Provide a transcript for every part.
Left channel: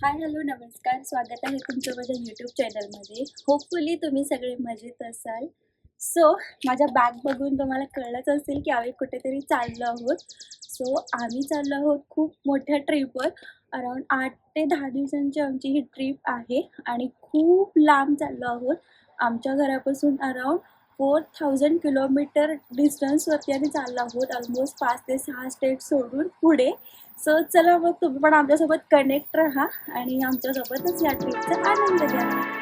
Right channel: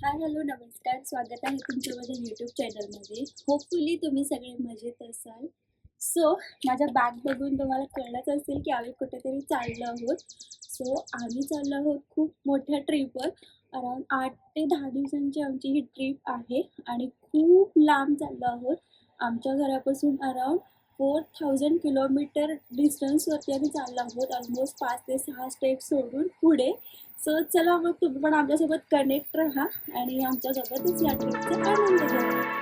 Hi hello नमस्कार. स्वागत आहे तुमचं माझ्या यूट्यूब चॅनलमध्ये होपफुली तुम्ही सगळे मजेत असाल. सो माझ्या बॅग बघून तुम्हाला कळलंच असेल की आम्ही कुठेतरी चाललो आहोत. सो आम्ही चाललो आहोत खूप मोठ्या ट्रिपवर अराऊंड आठ ते दहा दिवसांची आमची ही ट्रिप आहे. आणि खूप लांब चाललो आहोत. आमच्या घरापासून अराऊंड फोर थाउजंड किलोमीटर डिस्टन्सवरती आम्ही चाललो आहोत. ऑलमोस्ट पाच ते सहा स्टेट सोडून पुढे. सो चला मग तुम्ही पण आमच्यासोबत कनेक्ट राहा आणि आमच्यासोबतच या ट्रिपचा आनंद घ्या.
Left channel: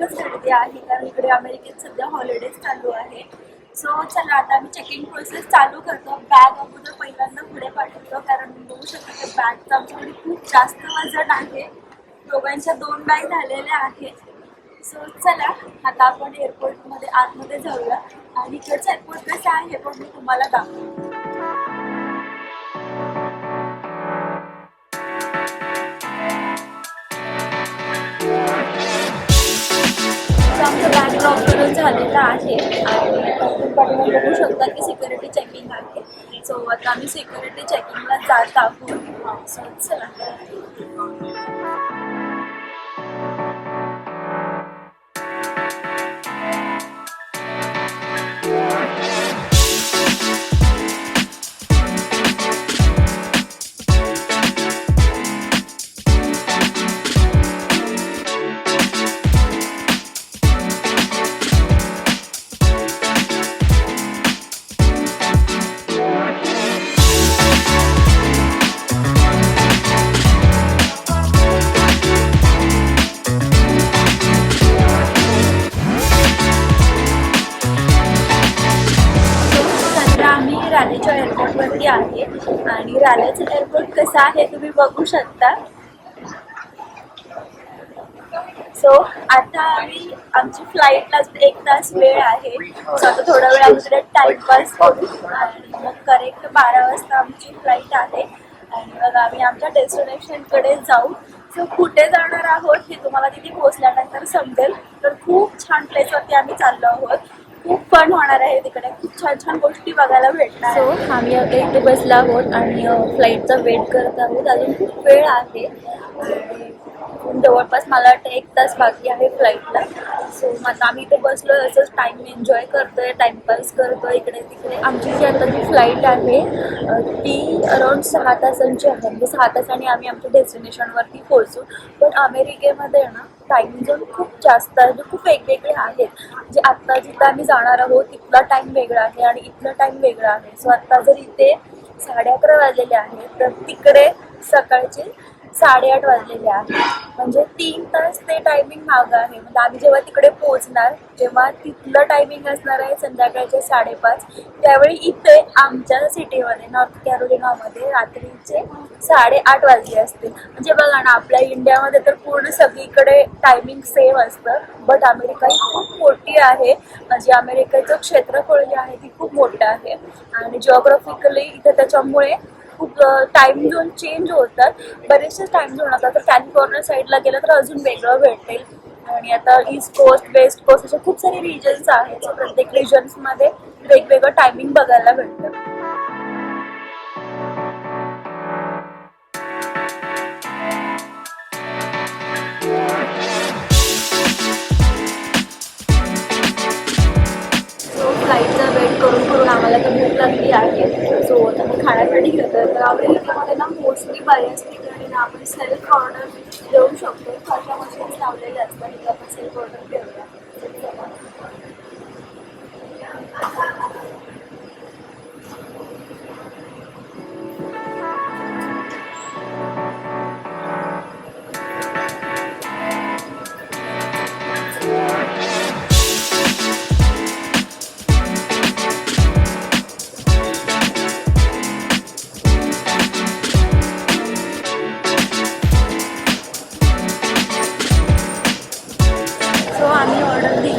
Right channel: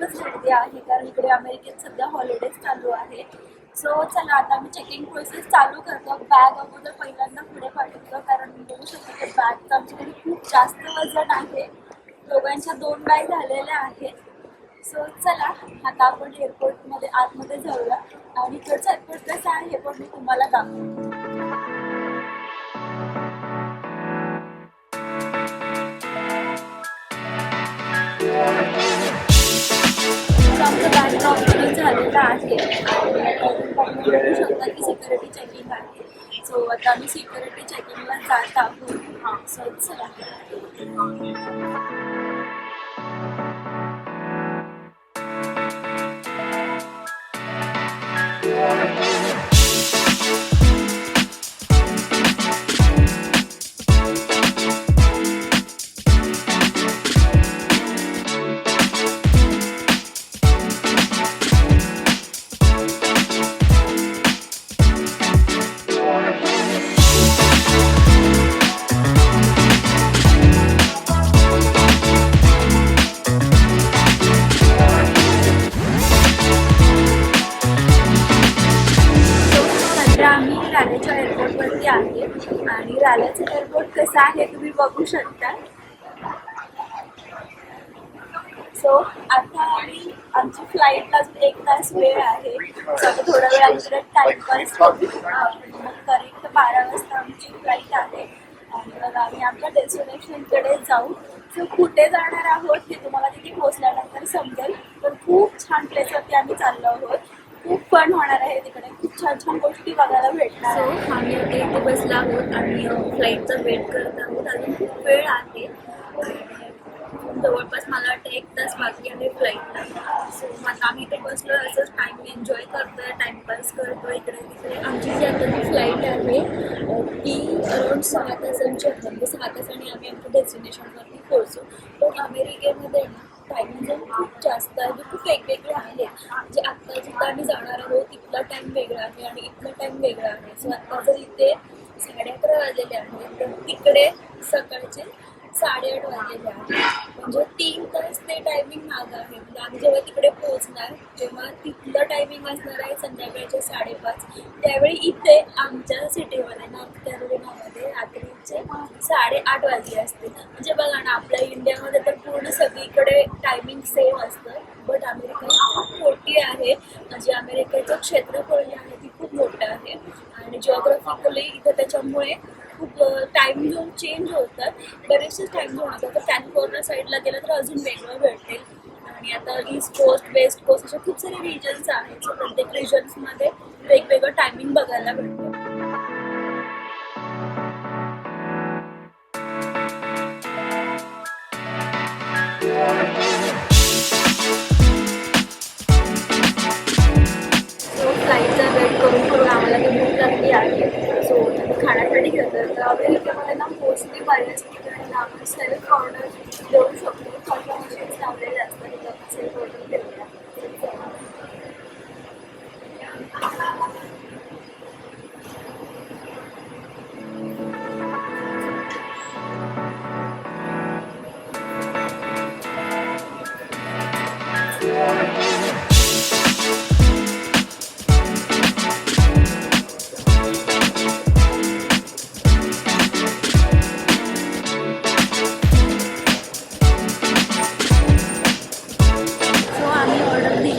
बऱ्यापैकी खूपच गर्दी आहे कारण इकडे अमेरिकेत सध्या हॉलिडेज चालू आहे सो चला आता आम्ही चेकिंग प्रोसेस चालू करतो. बॅग अगोदर पहिल्यांदा पुढे पाठवतो कारण बघू शकतो की बॅगचं आमच्याकडे खूप जास्त वजन आहे. दोघांच्या दोन बॅग झालेल्या आहेत. सो चला आता आपण एअरपोर्टमध्ये आतमध्ये जाऊया. आणि इकडचं एअरपोर्ट कसं आहे हे पण मी तुम्हाला दाखवतो. आमचं बॅग ड्रॉप झालेलं आहे. आणि बघू शकता की सिक्युरिटी चेकिंग आहे. सो आता आम्ही सिक्युरिटी चेकिंगला जात आहोत. सो चला. आम्ही एअरपोर्ट एअरपोर्टवरती आहे. आणि रालेचं एअरपोर्ट कसं आहे तुम्ही बघू शकता. सो आता आम्ही आमची फ्लाईटला अजून एक तास वेळ आहे. सो आता थोडा वेळ आमच्याकडे टाइमपास करू. आणि मग करेक्ट बारा वाजता आमची फ्लाईट आहे. आणि मग आम्ही आमच्या डेस्टिनेशनकडे जाऊ. सो कुठे जाणार आहोत हे तुम्हाला तिथे पोहोचल्यानंतर समजेल. तर खूप छान प्लेसवरती आम्ही चाललो आहोत. फन होणार आहे तिकडे. खूप छान छान गोष्टी बघायला भेटणार सो आम्ही आता इथे बसलो आहोत आणि फ्लाईटचा वेट करत आहोत. अजून खूप वेळ आहे. जवळपास मला वाटतं एक तास बाकी आहे फ्लाईटला सो आता आम्ही इथे बसलो असंच टाईम एन्जॉय करतोय करतो आहे इकडे तिकडे. आमची जी आता जी फ्लाईट आहे ती अराउंड सहा तासांची आहे. म्हणजे सहा तासांनी आम्ही आमच्या डेस्टिनेशनवरती पोहोचू. पण अमेरिकेमध्ये ना टाईम झोन खूप जास्त आहे. जे खूप वेगवेगळे आहेत. म्हणजे आत्ता जिथं आम्ही जाणार आहोत तिथला टाईम वेगळा आहे आणि इथला टाईम वेगळा आहे. सो आत्ता जर इथे साडे अकरा वाजलेले आहेत तर तिकडे सकाळचे साडेआठ वाजलेले आहे म्हणजे तीन तास ते टायमिंग मागं आहे. म्हणजे आम्ही जेव्हा तिकडे पोहोचणार तेव्हा तिथलं टायमिंग असणार आहे संध्याकाळचे साडेपाच त्यावेळी इथे आमच्या सिटीमध्ये नॉर्थ कॅरोलिनामध्ये रात्रीचे साडेआठ वाजले असते. म्हणजे बघा ना आपल्या इंडियामध्ये तर पूर्ण सगळीकडे टायमिंग सेम असतं. बट अमेरिका ही खूप मोठी आहे. म्हणजे अमेरिकेचं क्षेत्रफळ जे आहे ती खूप मोठं आहे. आणि जिओग्राफिकली इथे त्याच्यामुळे खूप टाइम झोन चेंज होतात. बरेचसे टाइम झोन असतात तर कॅलिफोर्निया साईडला गेलं तर अजून वेगळं भेटेल. आणि आता ईस्ट कोस्ट वेस्ट कोस्ट असे खूप सारे रिजन्स आहेत. प्रत्येक रिजन्समध्ये वेगवेगळं टायमिंग बघायला भेटतं. करून भूक लागली आहे. सो आता मी खाण्यासाठी घेतो तर आपल्या इथे ना मोस्टली बऱ्याच ठिकाणी ना आपण सेल्फ ऑर्डर देऊ शकतो. अशा मशीन्स लावलेल्या असतात. आपण सेल्फ ऑर्डर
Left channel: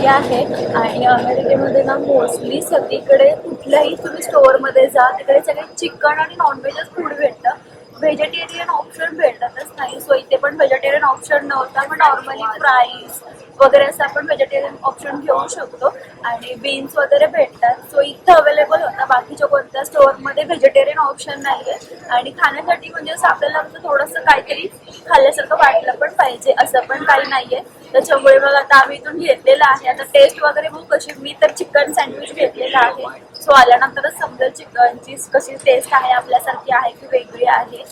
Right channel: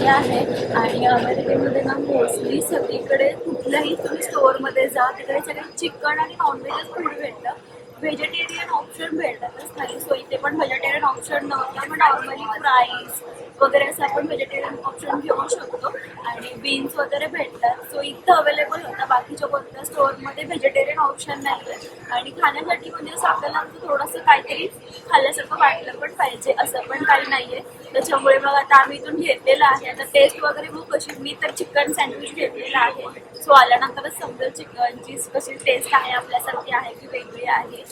हे आहे आणि अमेरिकेमध्ये ना मोस्टली सगळीकडे कुठल्याही तुम्ही स्टोअरमध्ये जा तिकडे सगळे चिकन आणि नॉनव्हेजच फूड भेटतं. व्हेजिटेरियन ऑप्शन भेटतातच नाही. सो इथे पण व्हेजिटेरियन ऑप्शन नव्हता पण नॉर्मली फ्राईज वगैरे असं आपण व्हेजिटेरियन ऑप्शन घेऊ शकतो. आणि बीन्स वगैरे भेटतात. सो इथं अवेलेबल होता. बाकीच्या कोणत्या स्टोअरमध्ये व्हेजिटेरियन ऑप्शन नाही आहे आणि खाण्यासाठी म्हणजे असं आपल्याला असं थोडंसं काहीतरी खाल्ल्यासारखं वाटलं पण पाहिजे असं पण काही नाहीये. त्याच्यामुळे मग आता आम्ही इथून घेतलेलं आहे. आता टेस्ट वगैरे बघू कशी मी तर चिकन सँडविच घेतलेलं आहे. सो आल्यानंतरच समजेल चिकनची कशी टेस्ट आहे आपल्यासारखी आहे की वेगळी आहे.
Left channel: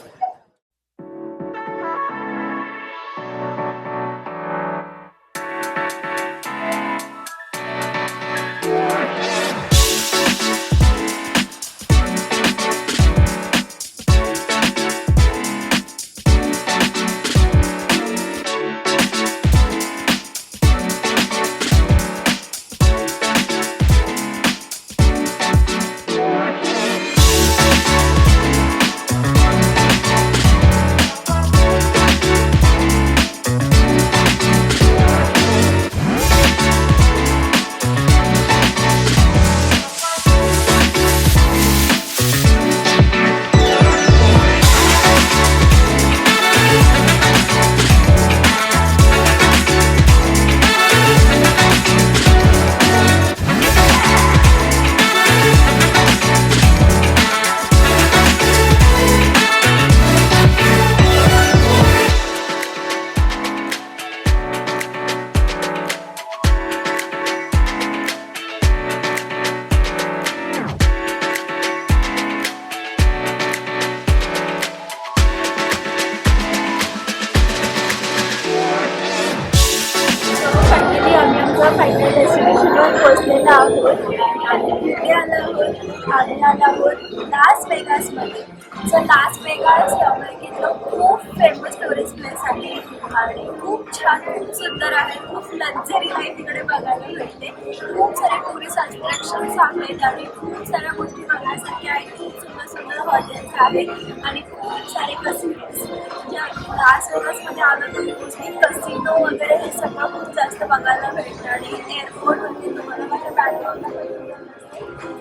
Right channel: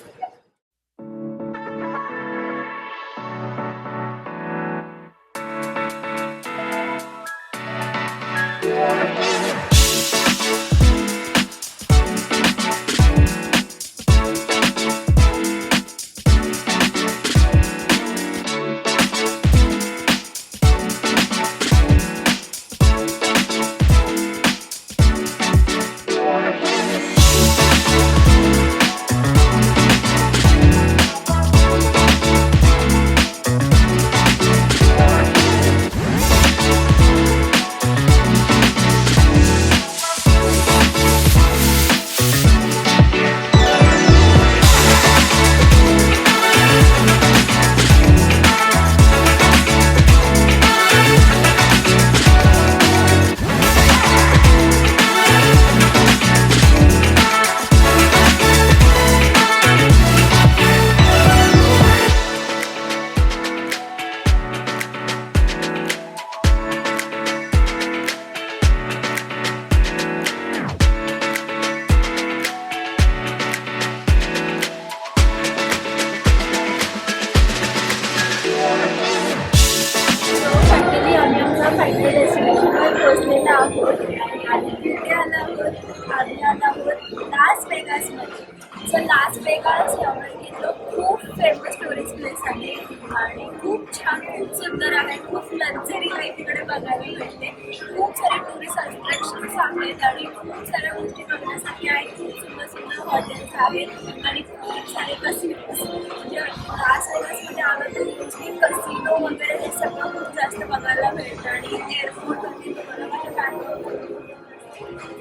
आहे. आणि खूप छान खूप सुंदर आहे. खूप लक्झरी आहे तिकडे बघायला भेटते. खूप सारे टुरिस्ट अट्रॅक्शन्स आहेत आणि खूप साऱ्या गोष्टी बघण्यासाठी आहेत खूप सुंदर सुंदर हॉटेल्स आहेत आणि खूप सारे कसिनोज म्हणजे लास वेगासमध्ये आलं तर मोस्टली कसिनो वगैरे हे सगळं खूप जास्त बघायला मिळतं आणि एअरपोर्टवरती तुम्हाला माझ्या बॅकग्राऊंडला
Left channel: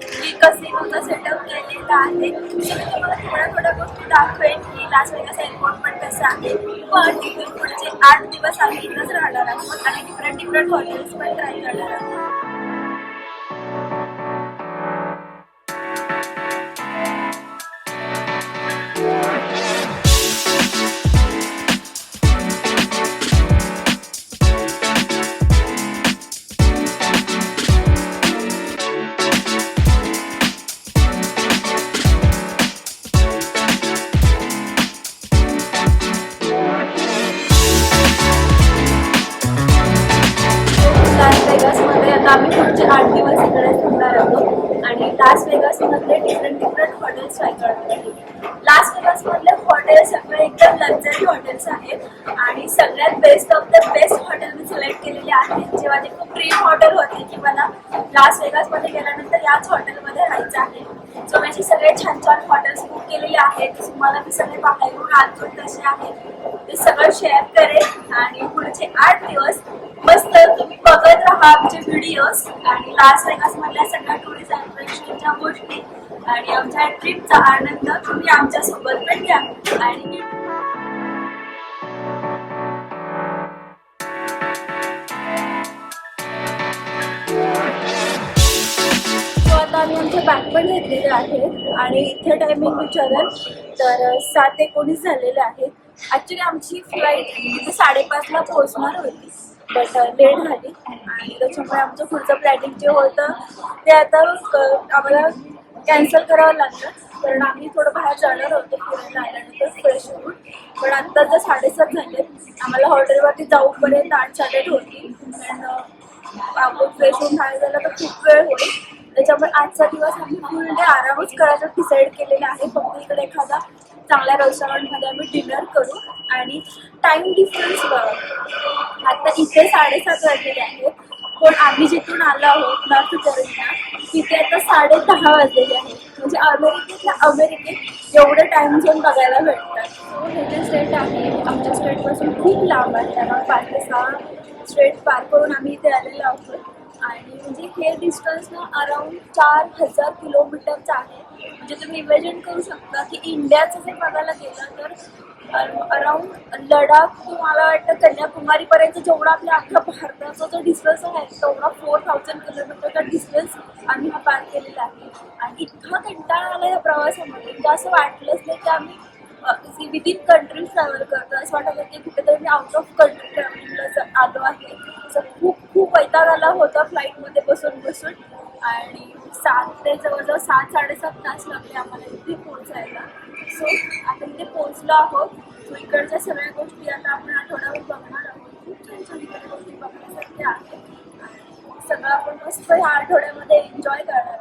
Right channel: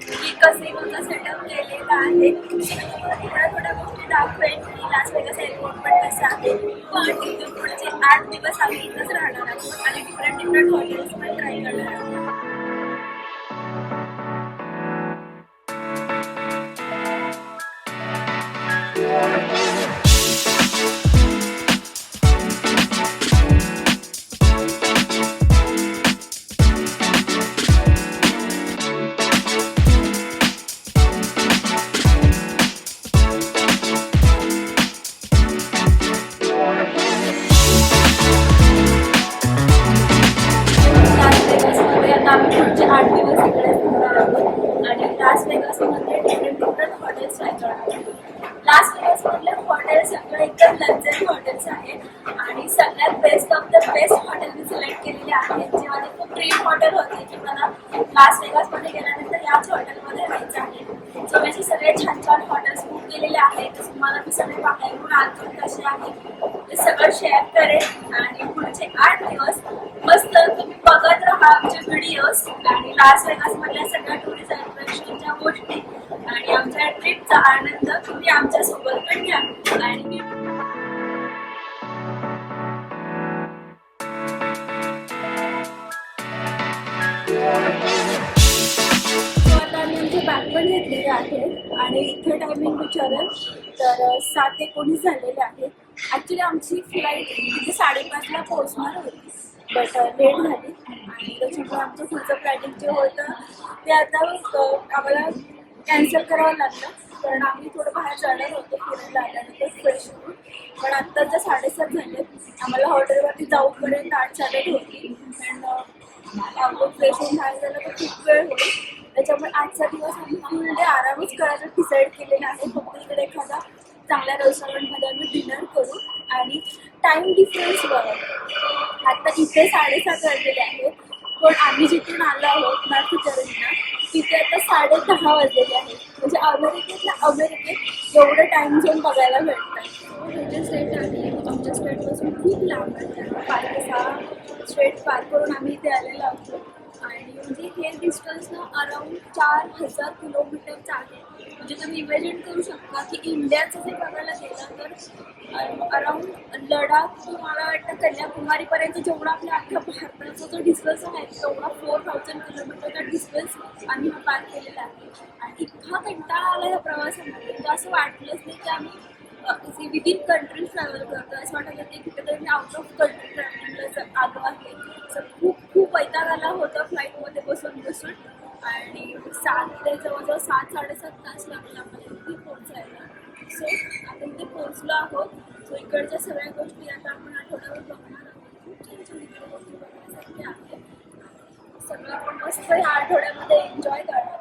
की कसिनोचा सेटअप केलेला आहे. तुम्हाला थोड्या थोड्या गोष्टी दाखवेन की लास्ट वेगस एअरपोर्ट पण कसं आहे. पण तिथून पुढचे आठ दिवस आम्ही इथंच राहणार आहोत आणि डिफरंट डिफरंट हॉटेल्स पण ट्राय करणार आहोत. ड्रीम हॉटेल होते की मला लास वेगासमध्ये गेल्यानंतर याच हॉटेलमध्ये राहायचं आहे. सो मी सगळे छान छान हॉटेल्स बुक केलेले आहेत. मला मी सगळे बाहेरून आतून कसे आहेत ते सगळं शेअर करेन आणि पुढचे आठ दिवस मस्त तुम्ही बघत राहा आमचे व्हिडिओज आणि लास वेगासमधल्या सगळ्या टुरिस्ट अट्रॅक्शनच्या गोष्टी आणि आमच्या ट्रिपचा आनंद तुम्ही आमच्यासोबत पण घ्या. आणि बॅग पण घेतलेली आहे आणि इथे टायमिंग विचाराल तर सात एकोणीस झालेले आहे ॲक्च्युली आमची फ्लाईट इथे म्हणजे साडेपाचला पोहोचणार होती बट लेट झाली. आणि त्याच्यामुळे आमचं पुढचं प्लॅनिंग जे होतं ते आता आम्हाला कॅन्सल करावं लागलं. कारण आम्ही थोडं बाहेर जाणार होतो फिरायला आल्यानंतर फ्रेश होऊन. पण आत्ता जर साडेसात झाले आम्हाला हॉटेलवरती जाऊपर्यंत आठ साडेआठ होती. अँड आपण फ्रेश होऊन बाहेर झालं तर खूप वेळ होईल. त्याच्यामुळे आजचा दिवस आम्ही फुल डे आरामच करायचं. डिसाईड केलेला आहे. फक्त इकडे एखादा चांगल्या रेस्टॉरंटमध्ये आम्ही डिनर करू. आणि टाइम डिफरन्स बघा. आता इथे साडेसात वाजलेले आहेत. पण आम्ही जिथून आलो आहोत नॉर्थ कॅरोलिना तिथे आता साडे दहा वाजलेले आहेत. म्हणजे अमेरिकेतल्या अमेरिकेत एवढं टाइम झोन बघायला भेटतात. सो हे जे स्टेट आहे आमच्या स्टेटपासून खूप लांब आहे. त्यामुळे पाच ते सहा स्टेट पार करून आम्ही इथे आलेलो आहोत. आणि म्हणजे हे डिस्टन्स ना अराउंड चार हजार किलोमीटरचं आहे. म्हणजे तुम्ही इमॅजिन करू शकता की इंडियाचं जे बघायला गेलं तर अराउंड लडाख तुम्हाला वाटतं कन्याकुमारीपर्यंत जेवढा आपल्या अख्ख्या भारताचा जो डिस्टन्स आहे तेवढा फोर थाउजंड किलोमीटरचा डिस्टन्स आम्ही हा पार केलेला आहे. आणि इतका कंटाळा आला या प्रवासामध्ये. म्हणजे असं वाटलंच नाही की आम्ही विदिन कंट्री ट्रॅव्हल करतो असं वाटत की कुठेतरी मी आउट ऑफ कंट्री ट्रॅव्हलिंगला आलो आहे. असं खूप खूप वैताग आला होता फ्लाईटमध्ये बसून बसून. आणि सात ते जवळजवळ सात साडेसात तास लागले आम्हाला इथे पोहोचायला. सो आता इथे पोहोचलो आहोत. सो इकडच्या सगळ्या गोष्टी आता आपण आठवड्यावर बघणार आहोत. खूप छान छान इकडे गोष्टी बघण्यासारख्या आहेत. सगळं आपण मस्त ह्या आठवड्यामध्ये एन्जॉय करणार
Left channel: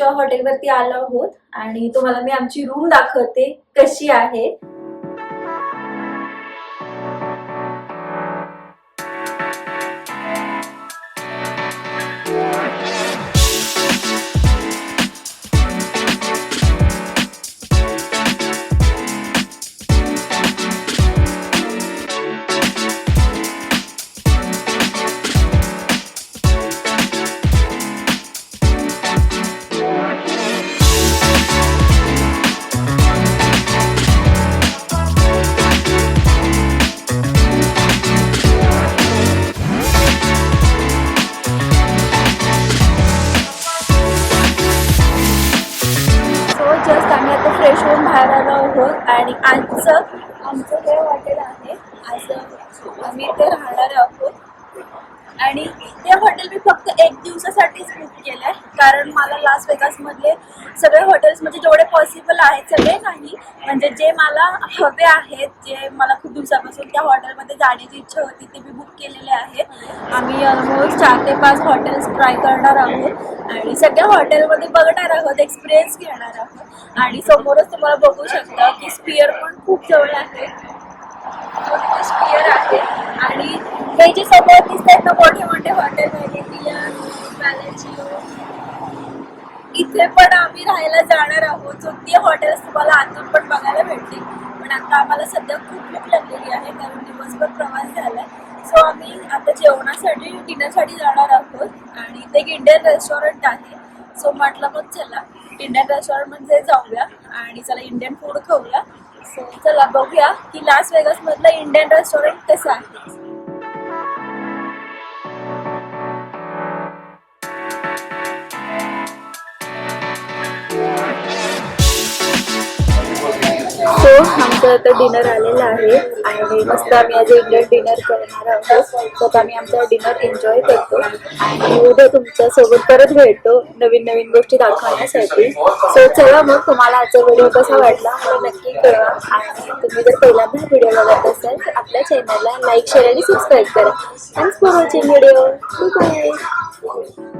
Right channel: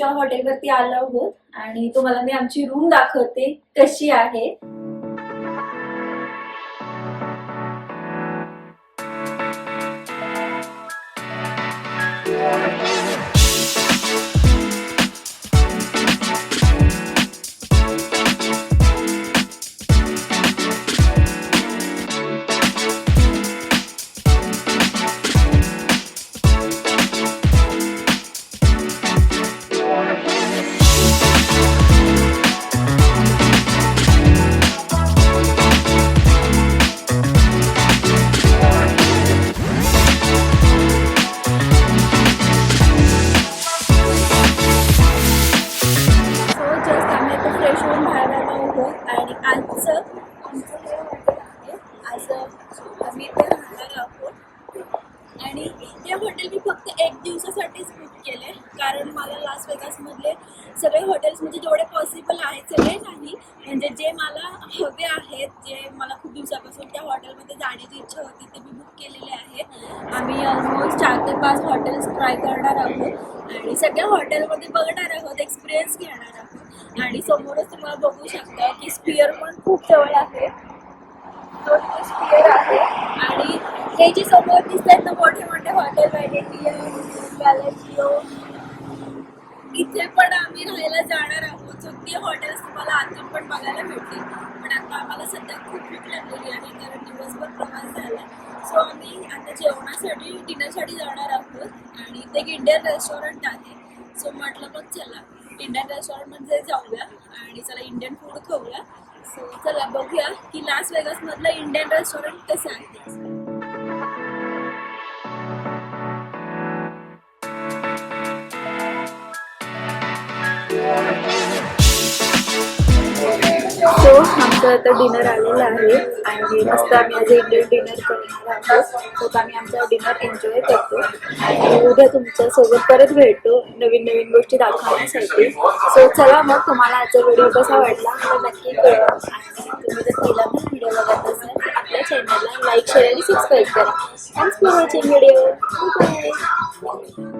आमच्या हॉटेलवरती आलो आहोत आणि तुम्हाला मी आमची रूम दाखवते कशी आहे. फ्रेश बाहेर आलो आहोत आणि आजचं आमचं हे हॉटेल आहे. आज आम्ही इथे राहणार आहोत. आणि हे हॉटेल मी फक्त एक दिवसासाठीच बुक केलं आहे कारण मला लास वेगासमधले सगळे हॉटेल्स म्हणजे जेवढे पॉसिबल आहेत सगळे नाही. म्हणजे जे मला हवे आहेत जे मला खूप दिवसापासून त्या हॉटेलमध्ये जाण्याची इच्छा होती ते मी बुक केलेले आहेत. आम्ही ऑलमोस्ट चार ते पाच हॉटेल्स ट्राय करणार आहोत. आणि सगळ्या हॉटेलमध्ये बघणार आहोत एक्सपिरियन्स घेणार आहोत. आणि समोरच तुम्हाला बघू शकता की स्पिअर पण खूप जवळ आहे. आहे. आणि हे जे समोर दिसत आहेत ना मोठे मोठे हॉटेल व्हॅलेटियन इथे पण आम्ही राहायला जाणार आहोत. सो ते हॉटेल्स तुम्हाला आतून पण बघायला भेटतील. पण आता आम्हाला सध्या खूप भूक लागलेली आहे कारण दिवसभर प्रवास झालाय. सो आम्ही आता जेवणासाठी डिनरसाठी जाणार आहोत. आणि इथे एक इंडियन रेस्टॉरंट आहे. सो म्हटलं मग चला. इंडियन रेस्टॉरंटमध्ये जाऊया. आणि चला इंडियन फूड खाऊया. चला बघूया की लास वेगस मधलं इंडियन रेस्टॉरंट कसं आहे. आमचं आता डिनर आलेलं आहे आणि मस्त आम्ही आज इंडियन डिनर करणार आहोत. तर आम्ही आमचा डिनर एन्जॉय करतो. आणि उद्या तुमच्यासोबत परत भेटतो नवीन नवीन गोष्टी दाखवण्यासाठी. सो चला मग तुम्हाला आजचा व्हिडिओ कसा वाटला मला नक्की कळवा. आणि तुम्ही जर पहिल्यांदाच व्हिडिओ बघत असाल तर आपल्या चॅनलला लाईक शेअर आणि सबस्क्राईब करा. Thanks for watching video bye